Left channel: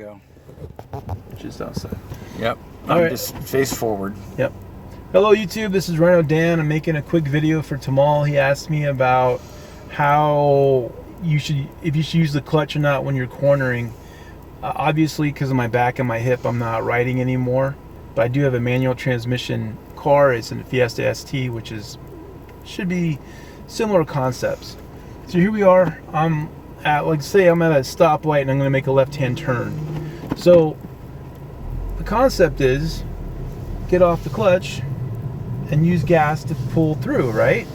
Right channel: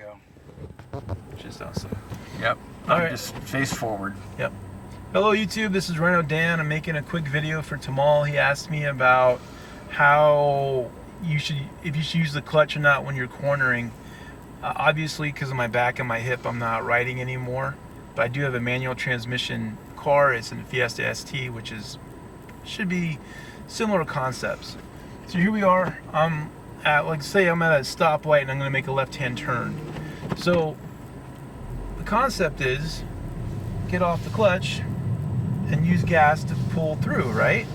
go. Just outside. Yep. All right. Just face forward. Yep. Hello YouTube, this is Rhino Dan. I'm making a quick video for Tamal. He asked me about how if you should use the clutch or not when you're cornering. Obviously, because of my back and my hip, I'm not riding anymore. But I do have a manual transmission car. It's a Fiesta ST, which should be similar concepts. So here we are. I'm at a stoplight and I'm going to make a left-hand turn. So the concept is get off the clutch and use gas to pull through, right?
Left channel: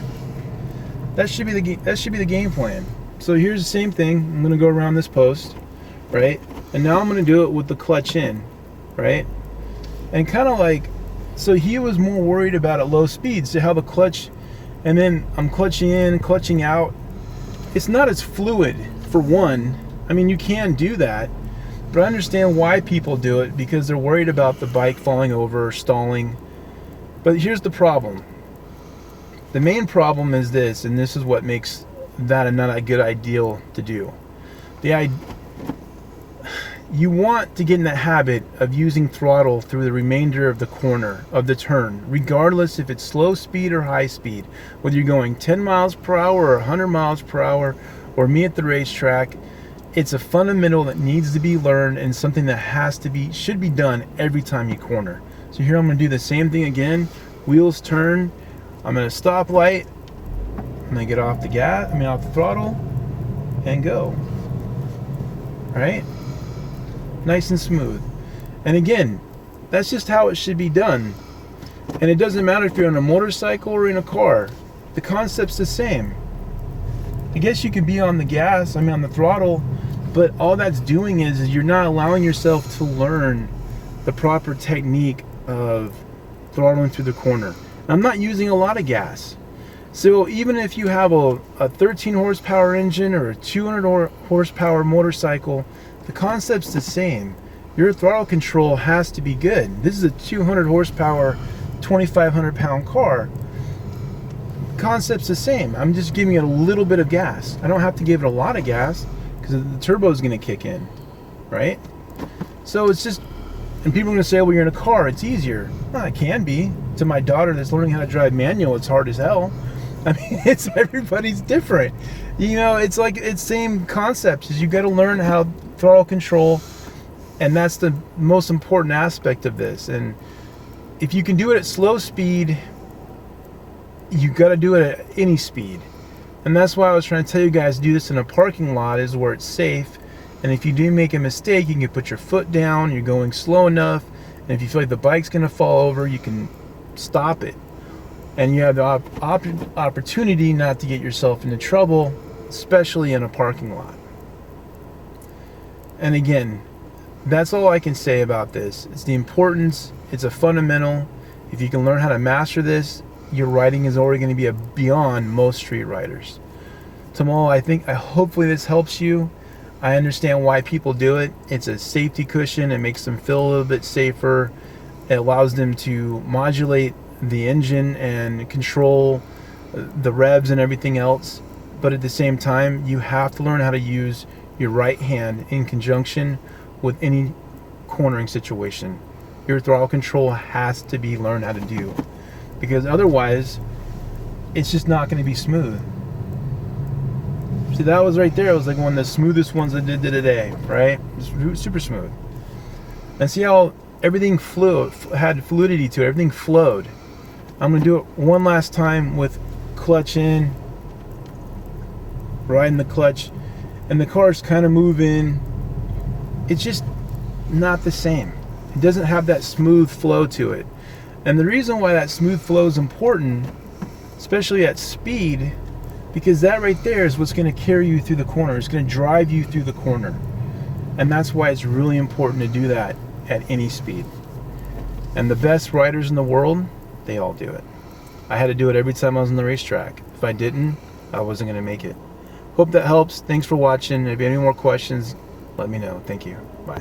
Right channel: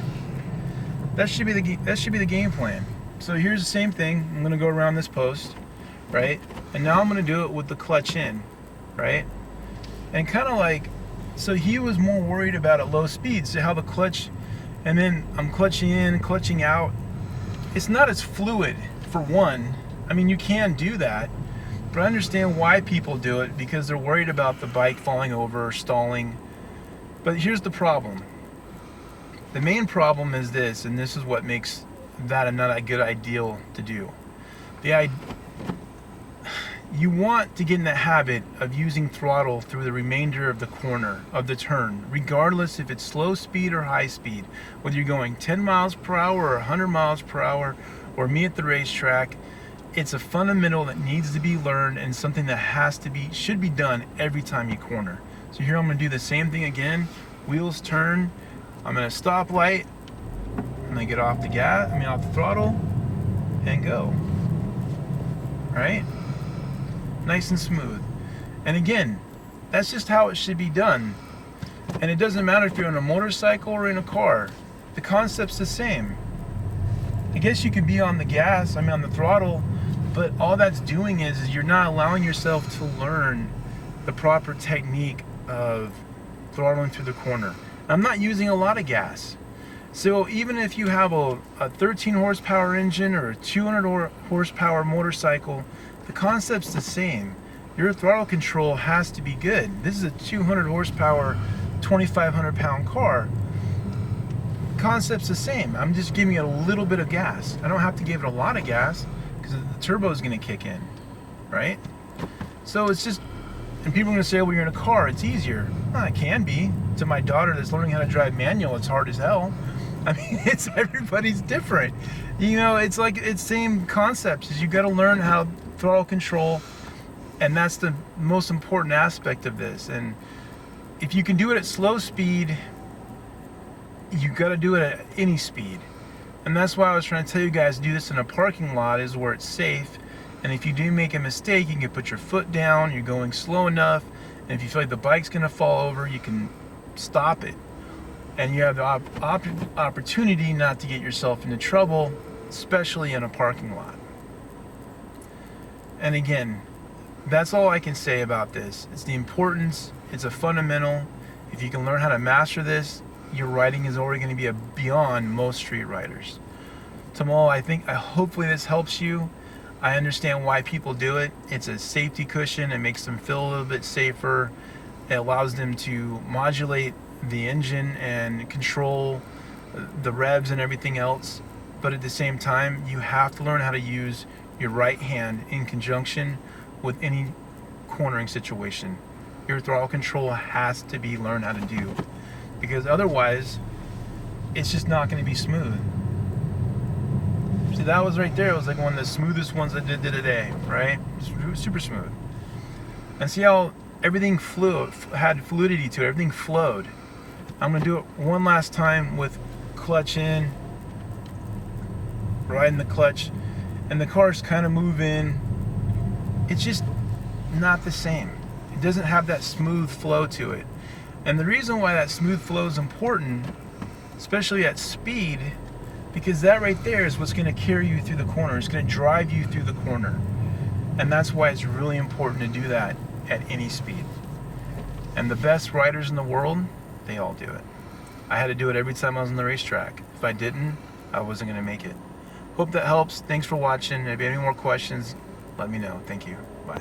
That should be the game plan. So here's the same thing. I'm going to go around this post, right? And now I'm going to do it with the clutch in, right? And kind of like, so he was more worried about at low speed, so how the clutch, and then I'm clutching in, clutching out. It's not as fluid, for one. I mean, you can do that, but I understand why people do it, because they're worried about the bike falling over or stalling. But here's the problem. The main problem is this, and this is what makes that not a good ideal to do. You want to get in the habit of using throttle through the remainder of the corner of the turn, regardless if it's slow speed or high speed. Whether you're going 10 miles per hour or 100 miles per hour, or me at the racetrack, it's a fundamental that needs to be learned and something that should be done every time you corner. So here I'm going to do the same thing again. Wheels turn. I'm at a stoplight. I'm going to get off the throttle and go. Right? Nice and smooth. And again, that's just how it should be done. And it doesn't matter if you're on a motorcycle or in a car. The concept's the same. I guess you could be on the throttle, but all that's doing is you're not allowing yourself to learn the proper technique of throttling through the corner. And I'm not using a lot of gas. So even if you have a 13 horsepower engine or a 200 horsepower motorcycle, the concept's the same. Your throttle control has to be good. This is a 200 horsepower, 2,500 pound car. The concept's the same. I'm just giving it a little bit of gas. I don't have to give it a lot of gas because the turbo is going to kick in, right? So it's just, and people are going to say, well, you're in a car, it's easier. Well, it can be. To my daughter that's learning how to drive manual, it's hard as hell. I mean, everybody's different. You know, it's same concepts. Is you got to learn how throttle control, and that's the most important aspect of this. And if you can do it at slow speed, you got to do it at any speed. And that's why I was trying to tell you guys, do this in a parking lot is where it's safe. And if you do make a mistake, you can put your foot down. You're going slow enough, and if you feel like the bike's going to fall over, you can stop it. And you have the opportunity not to get yourself into trouble, especially in a parking lot. And again, that's all I can say about this. It's the importance. It's a fundamental. If you can learn how to master this, your riding is already going to be beyond most street riders. Tamal, hopefully this helps you. I understand why people do it. It's a safety cushion. It makes them feel a little bit safer. It allows them to modulate the engine and control the revs and everything else. But at the same time, you have to learn how to use your right hand in conjunction with any cornering situation. Your throttle control has to be learned how to do, because otherwise it's just not going to be smooth. See, that was right there. It was like one of the smoothest ones I did today, right? Just super smooth. And see how everything had fluidity to it. Everything flowed. I'm going to do it one last time with clutch in, riding the clutch, and the car's kind of moving. It's just not the same. It doesn't have that smooth flow to it. And the reason why that smooth flow is important, especially at speed, because that right there is what's going to carry you through the corner. It's going to drive you through the corner. And that's why it's really important to do that at any speed. And the best riders in the world, they all do it. I had to do it every time I was on the racetrack. If I didn't, I wasn't going to make it. Hope that helps. Thanks for watching. If you have any more questions, let me know. Thank you. Bye.